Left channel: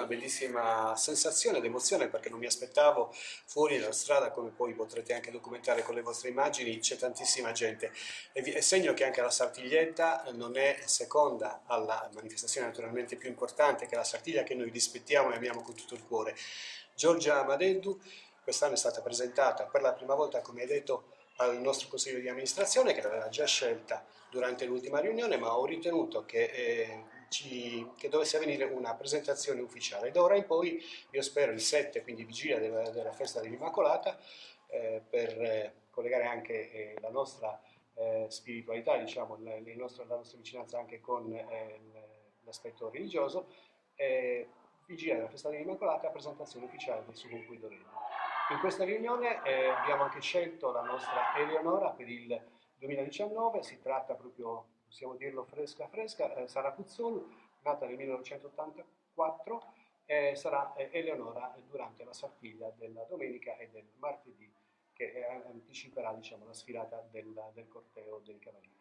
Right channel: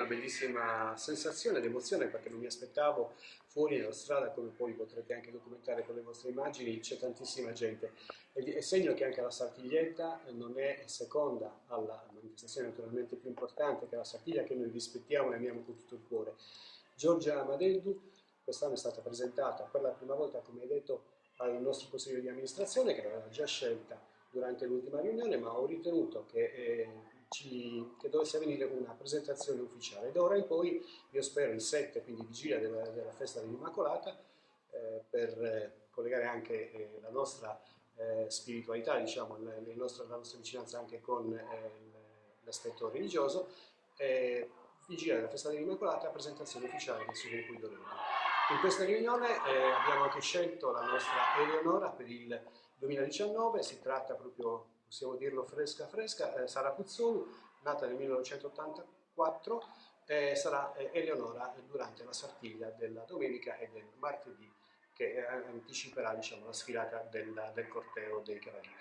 una bellissima sensazione ed emozione perché non mi aspettavo fuori dalla strada, come poi potrete anche documentare con le vostre immagini, c'è tantissima gente. È segno che anche la Sartiglietta non è seconda alla manifestazione naturalmente più importante, che è la Sartiglia, che noi rispettiamo e amiamo con tutto il cuore. Giorgia Madeddu quest'anno è stata presentata per la prima volta, come hai detto, al nostro consiglio di amministrazione, che l'aveva già scelta durante l'ultima riunione, ma ho ritenuto che dovesse avvenire una presentazione ufficiale. Da ora in poi io spero il 7, quindi vigilia della festa dell'Immacolata, per collegare anche la nostra spiritualità, diciamo, la nostra vicinanza anche con l'aspetto religioso, vigilia della festa dell'Immacolata, presentazione ufficiale del suo Cuido Regno. In questa riunione abbiamo anche scelto la nostra Eleonora per il 2019, si tratta proprio, possiamo dirlo fresca fresca, Sara Puzzoni, nata nel 1984, sarà Eleonora durante la Sartiglia della domenica e del martedì, che anticiperà, diciamo, la sfilata del corteo dei Cavalieri.